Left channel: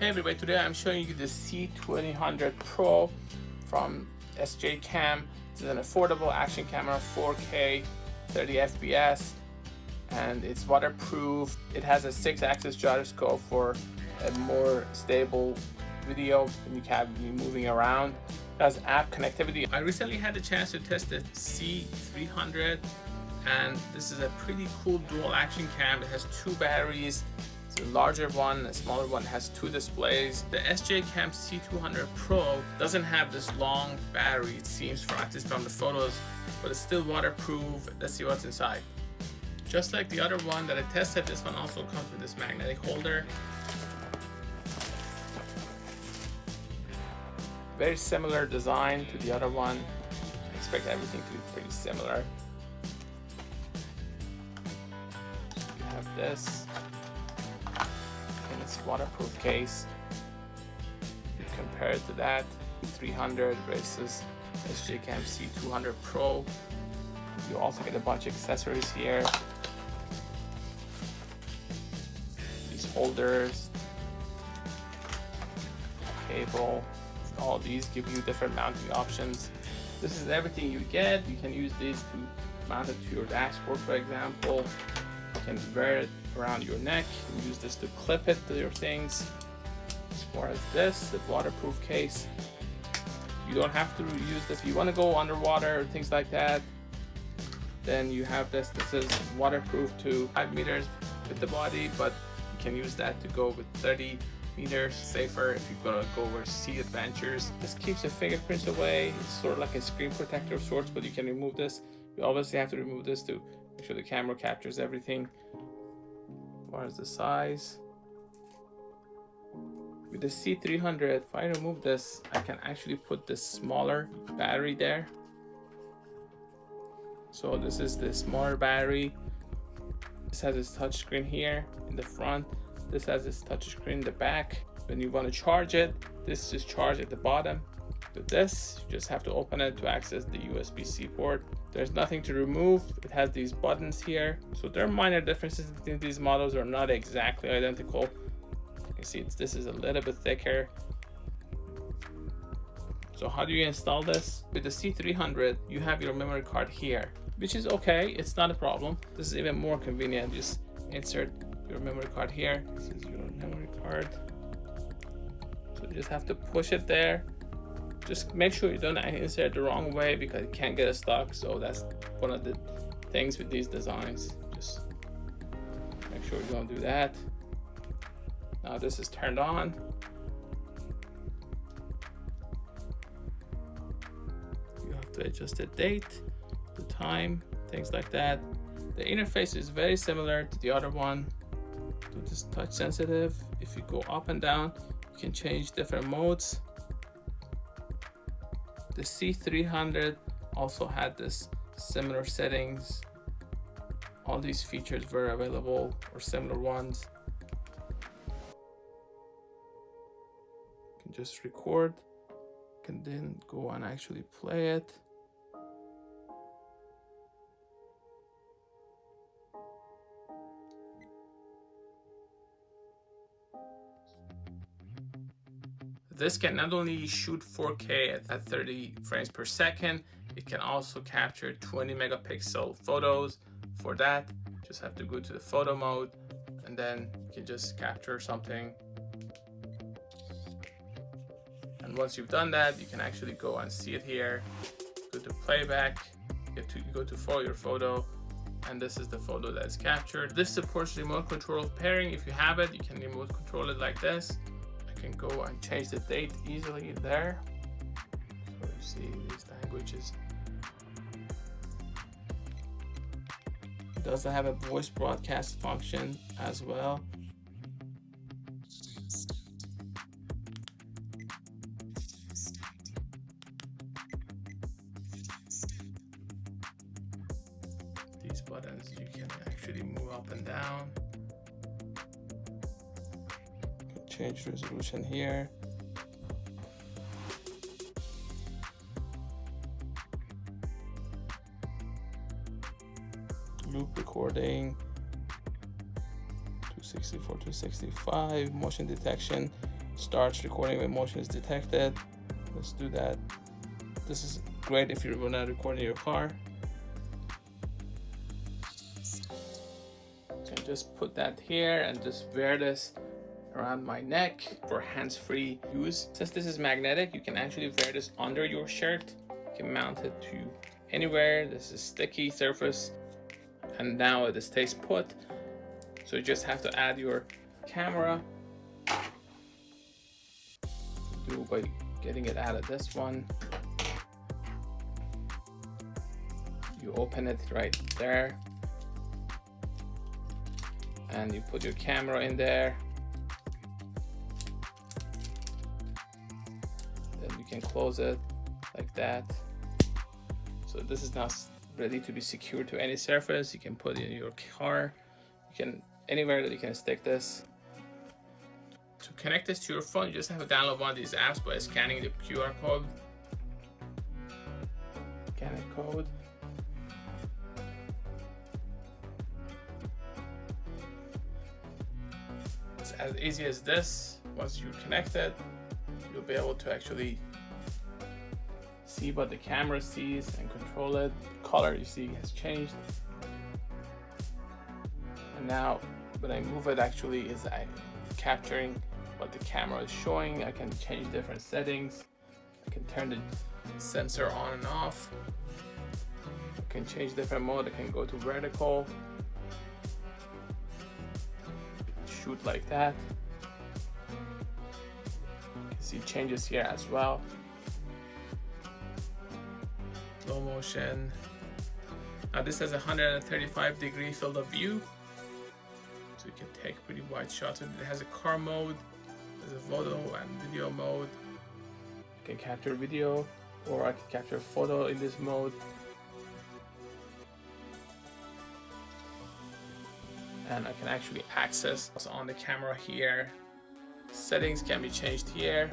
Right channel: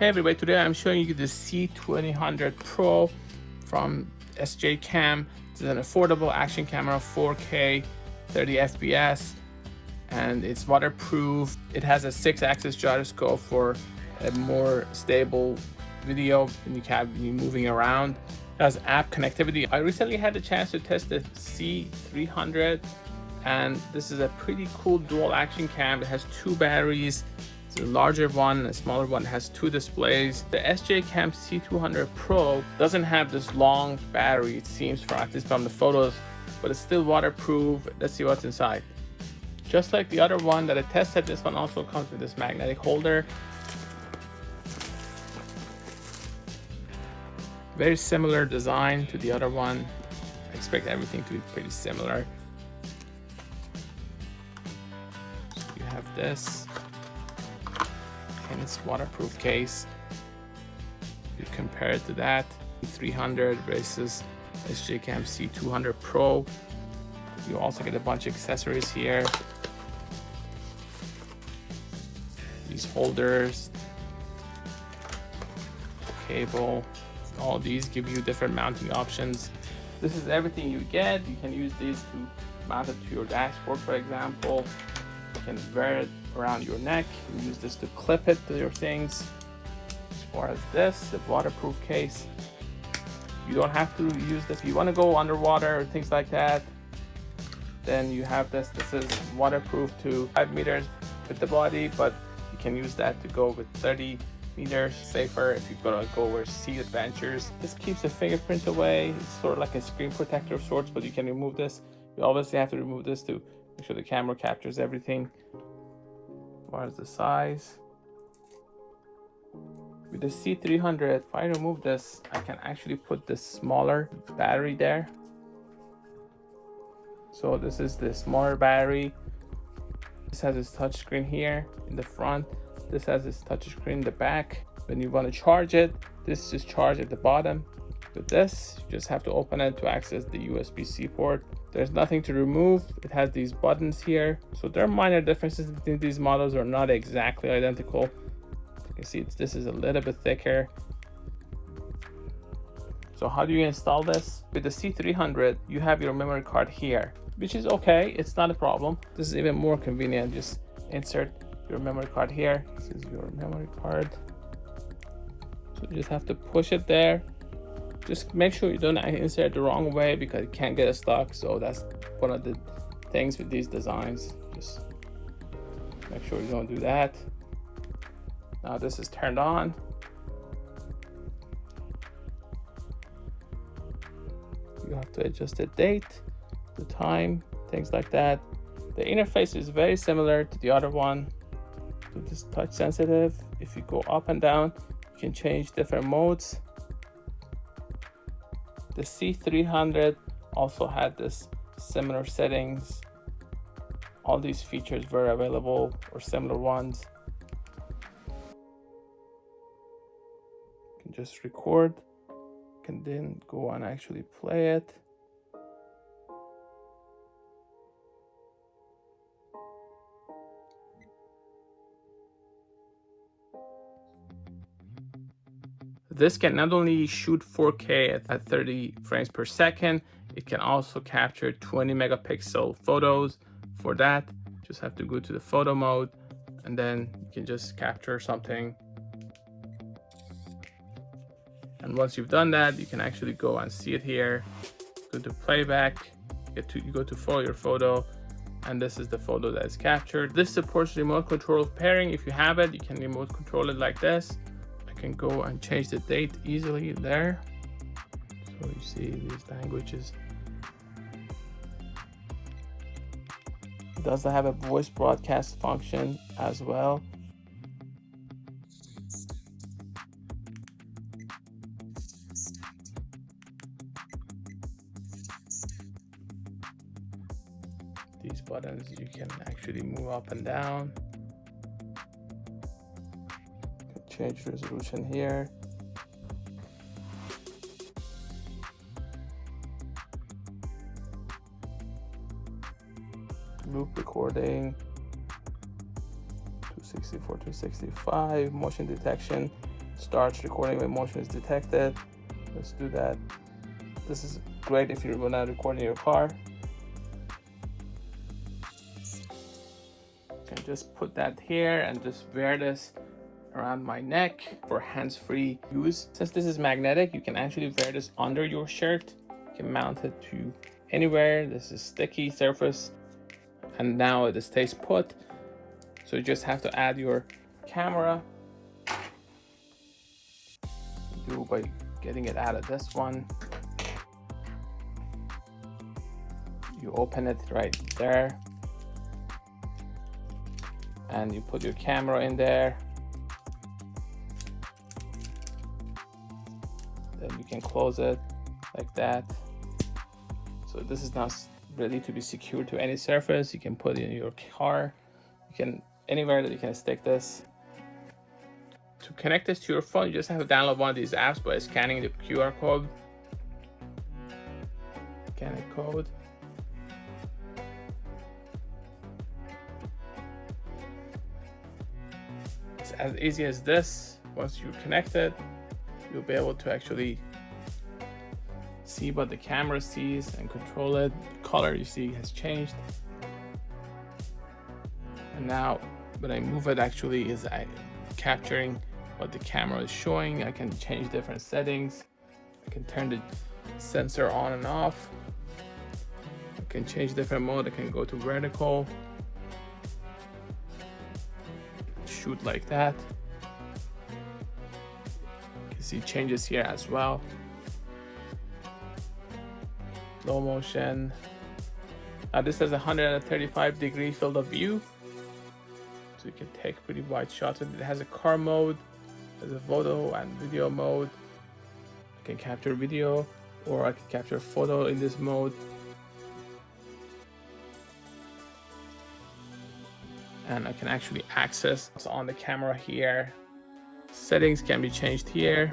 Hey everybody, today I'm showing you the C200 Pro from SJCAM. It's an affordable action camera, 4K, 30 FPS, and it's waterproof. It has a 6-axis gyroscope for a more stable video, and you can be moving around. It has app connectivity. I recently had the chance to test the C300, and this is a pretty cool dual action cam. It has 2 batteries. A larger one and a smaller one. Has 2 displays. The SJCAM C200 Pro doesn't have this long battery, it seems, from at least from the photos, but it's still waterproof. Let's see what's inside. Just like the other one that I tested, this one also comes with this magnetic holder. Very similar design to the other one. I expect everything to be pretty similar. You have this waterproof case. If you compare it to that, 300 versus SJCAM C200 Pro. You also get a bunch of accessories here. These holders, cable, all these give you different mounting options. This is everything you get. You can use these to mount it to your dashboard, for example. You can wear it around your neck. You use this to clip it to your things. As far as this, the waterproof case, you don't have to use this. If you want to go underwater or things like that, then you have this. This is waterproof to 5 meters with the body, but you can use that to go with 30 meters safer if you're gonna go over sea adventures. This keeps your fingerprints away. It's sort of like a screen protector of sorts, but you can remove this. You obviously have to remove this to make sure the camera captures everything. As far as the size, with the C300, if I remove this, I can actually put this smaller battery there. So this is the smaller battery. This has its touch screen here in the front. This has its touch screen in the back. When you want to charge it, this is charged at the bottom. With this, you just have to open it to access the USB-C port. There's nothing to remove. It has these buttons here. So there are minor differences between these models, are not exactly identical. You can see this is a little bit thicker. So how do you install this? With the C300, you have your memory card here, which is okay. It's not a problem. This is even more convenient. Just insert your memory card here. This is your memory card. So you just have to push it there. Just make sure you don't insert it the wrong way because it can get stuck. So that's one of the things with these designs. Just make sure you don't do that. Now this is turned on. You have to adjust the date, the time, things like that. The interface is very similar to the other one. It is touch sensitive. If you go up and down, you can change different modes. The C300 also had this similar settings. All these features were available, or similar ones. You can just record, you can then go and actually play it. This can not only shoot 4K at 30 frames per second, it can also capture 20 megapixel photos. For that, just have to go to the photo mode, and then you can just capture something. And once you've done that, you can actually go and see it here. Go to playback, you go to follow your photo, and this is the photo that is captured. This supports remote control pairing. If you have it, you can remote control it like this. Can go and change the date easily there. So you see these languages. It does have a voice broadcast function as well. These buttons you can actually move up and down. Change resolution here. Loop recording, 264, 265, motion detection. starts recording when motion is detected. Let's do that. This is great if you're not recording your car. You can just put that here and just wear this around my neck for hands-free use. Since this is magnetic, you can actually wear this under your shirt. You can mount it to anywhere. This is sticky surface, and now it stays put. So you just have to add your camera. Do by getting it out of this one. You open it right there, and you put your camera in there. Then you can close it like that. So this is now ready to be secured to any surface. You can put it in your car. You can anywhere that you can stick this. To connect this to your phone, you just have to download one of these apps by scanning the QR code. Scan the code. It's as easy as this. Once you connect it, you'll be able to actually see what the camera sees and control it. The color you see has changed. And now when I move it, actually is capturing what the camera is showing. I can change different settings. I can turn the sensor on and off. I can change different mode. I can go to vertical, shoot like that. You can see changes here as well. Slow motion. Now this has a 135-degree field of view, so you can take pretty wide shots. It has a car mode, there's a photo and video mode. You can capture video, or I can capture photo in this mode. And I can actually access what's on the camera here. Settings can be changed here.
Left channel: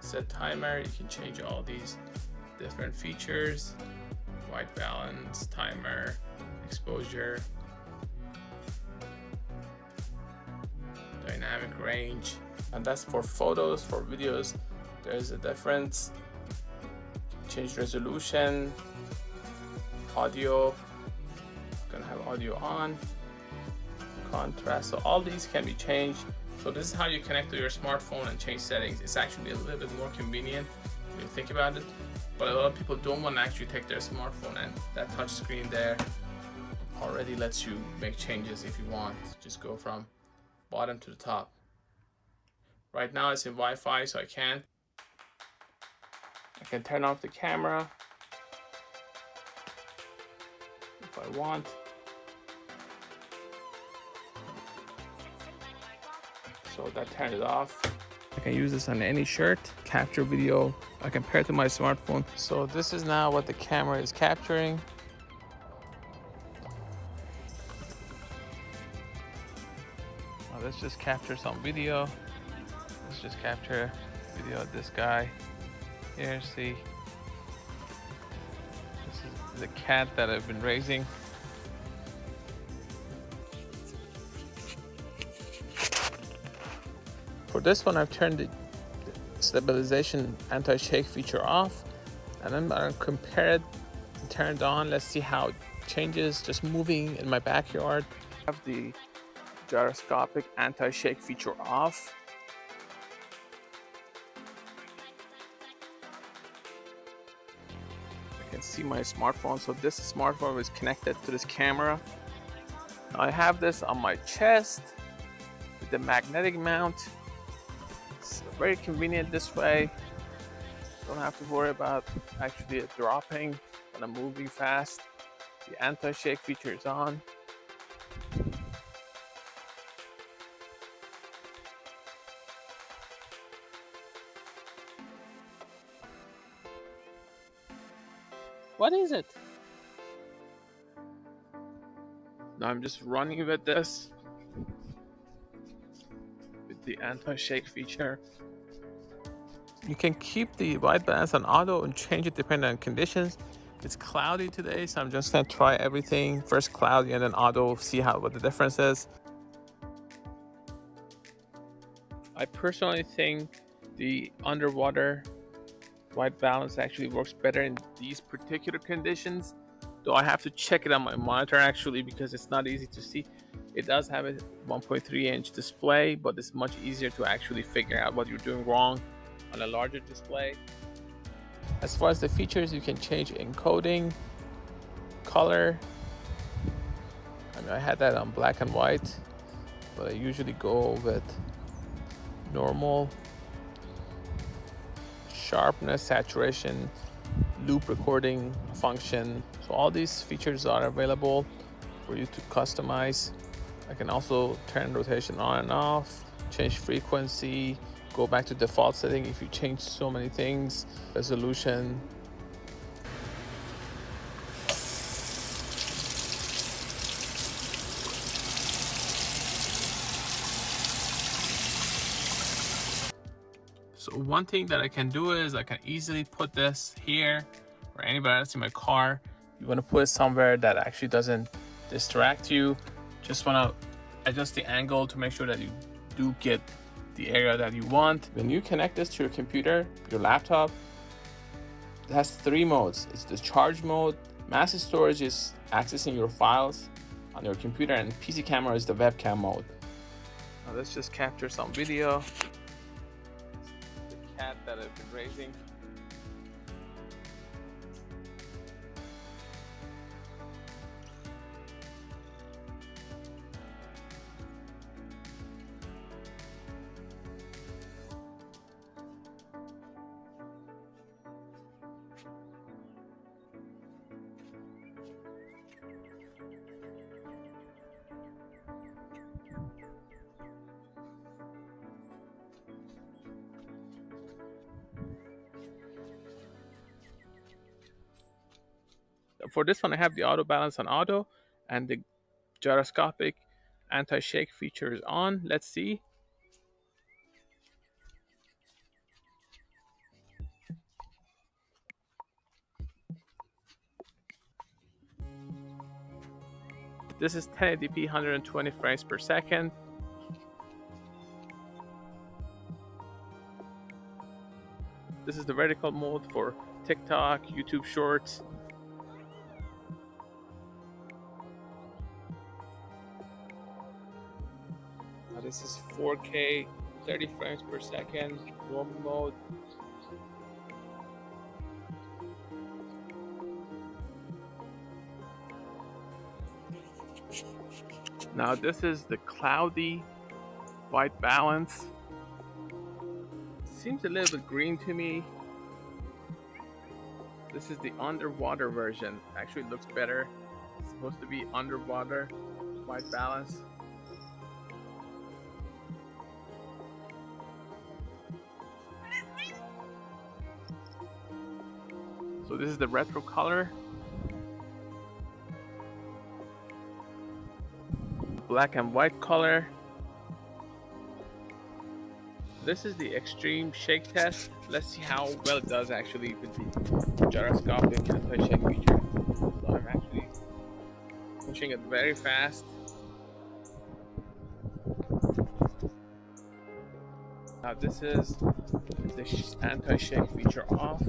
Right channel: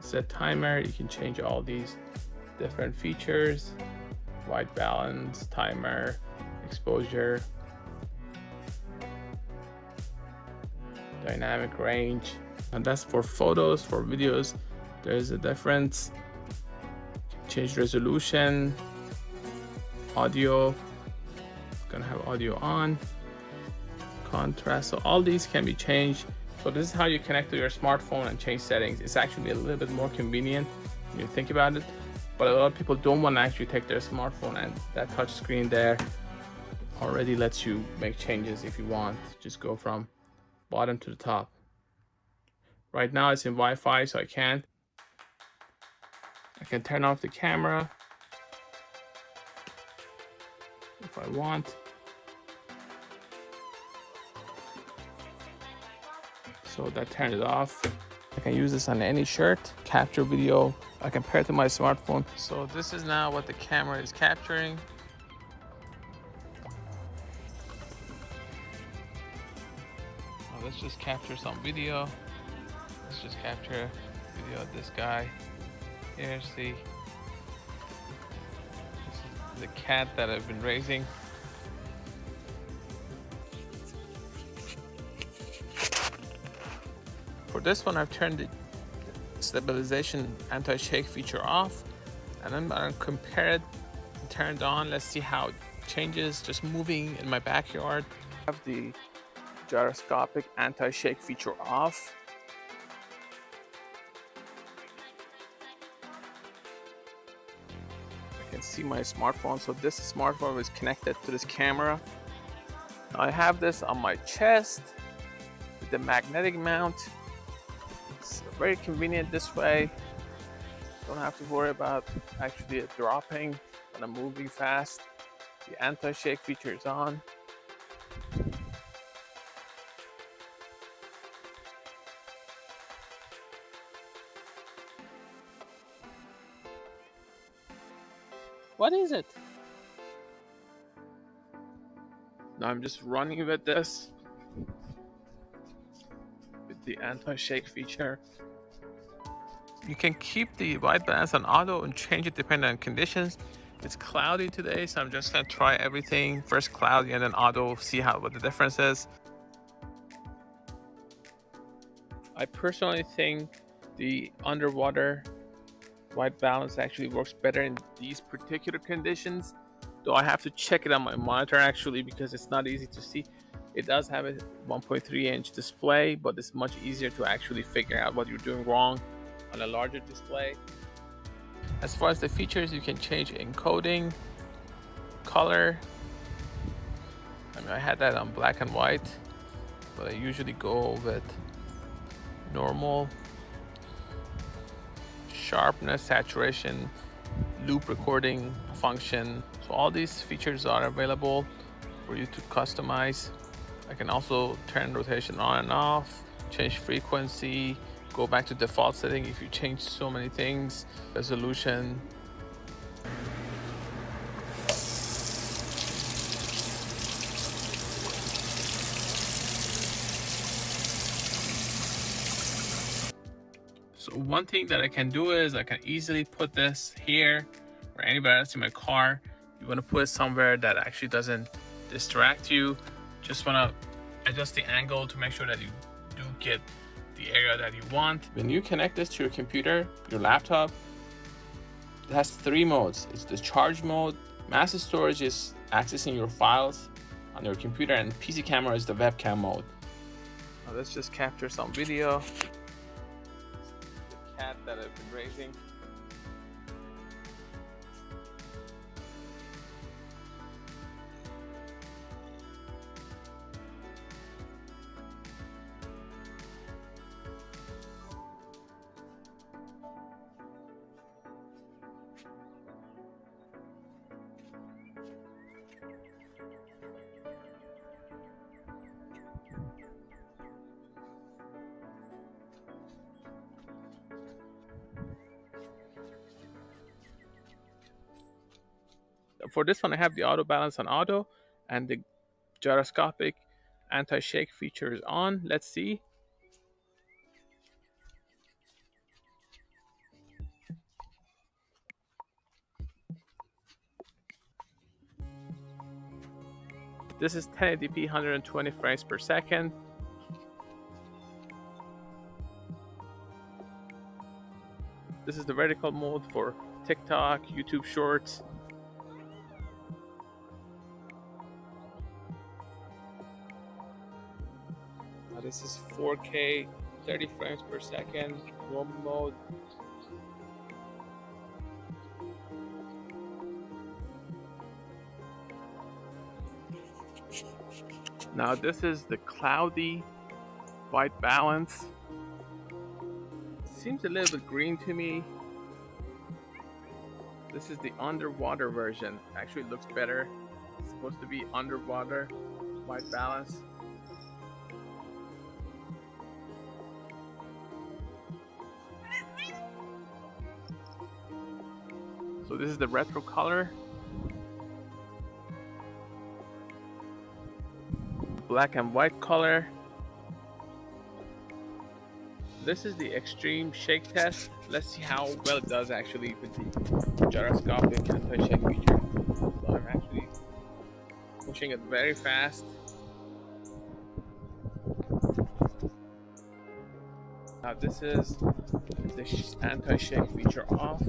Set timer, you can change all these different features. White balance, timer, exposure, dynamic range. And that's for photos. For videos, there's a difference. Change resolution, audio, gonna have audio on, contrast. So all these can be changed. So this is how you connect to your smartphone and change settings. It's actually a little bit more convenient when you think about it. But a lot of people don't want to actually take their smartphone, and that touch screen there already lets you make changes if you want. Just go from bottom to the top. Right now it's in Wi-Fi, so I can't. I can turn off the camera if I want. So that turns it off. I can use this on any shirt, capture video. I can pair it to my smartphone. So this is now what the camera is capturing. Well, let's just capture some video. Let's just capture video of this guy. Here, see. This is the cat that I've been raising. For this one, I've turned the stabilization anti-shake feature off, and then I'm gonna compare it and turn it on. Let's see how it changes just moving in my backyard. I have the gyroscopic anti-shake feature off. I can see my smartphone, so this smartphone is connected to this camera. Now I have this on my chest with the magnetic mount. It's very convenient this way. Don't have to worry about actually it dropping when I'm moving fast. The anti-shake feature is on. What is it? Now I'm just running with this. The anti-shake feature. You can keep the white balance on auto and change it depending on conditions. It's cloudy today, so I'm just gonna try everything. First cloudy and then auto, see what the difference is. I personally think the underwater white balance actually works better in these particular conditions, though I have to check it on my monitor actually because it's not easy to see. It does have a 1.3-inch display, but it's much easier to actually figure out what you're doing wrong on a larger display. As far as the features, you can change encoding, color. I mean, I had that on black and white, but I usually go with normal. Sharpness, saturation, loop recording function. So all these features are available for you to customize. I can also turn rotation on and off, change frequency, go back to default setting if you change so many things, resolution. So one thing that I can do is I can easily put this here or anywhere else in my car. You want to put it somewhere that actually doesn't distract you. Just want to adjust the angle to make sure that you do get the area that you want. When you connect this to your computer, your laptop, it has 3 modes. It's the charge mode, massive storage is accessing your files on your computer, and PC camera is the webcam mode. Now let's just capture some video. The cat that I've been raising. For this one, I have the auto balance on auto and the gyroscopic anti-shake feature is on. Let's see. This is 1080p 120 frames per second. This is the vertical mode for TikTok, YouTube Shorts. Now this is 4K, 30 frames per second, normal mode. Now this is the cloudy white balance. Seems a little bit green to me. This is the underwater version. Actually, it looks better. It's supposed to be underwater white balance. So this is the retro color. Black and white color. This is the extreme shake test. Let's see how well it does actually with the gyroscopic anti-shake feature. So I'm actually pushing it very fast. Now this is the anti-shake feature off.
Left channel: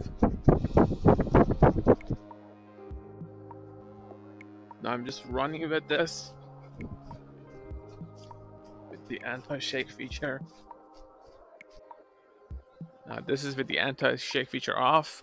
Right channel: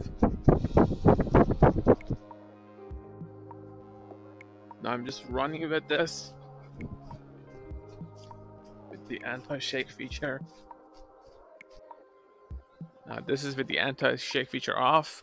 Now I'm just running with this with the anti-shake feature. Now this is with the anti-shake feature off.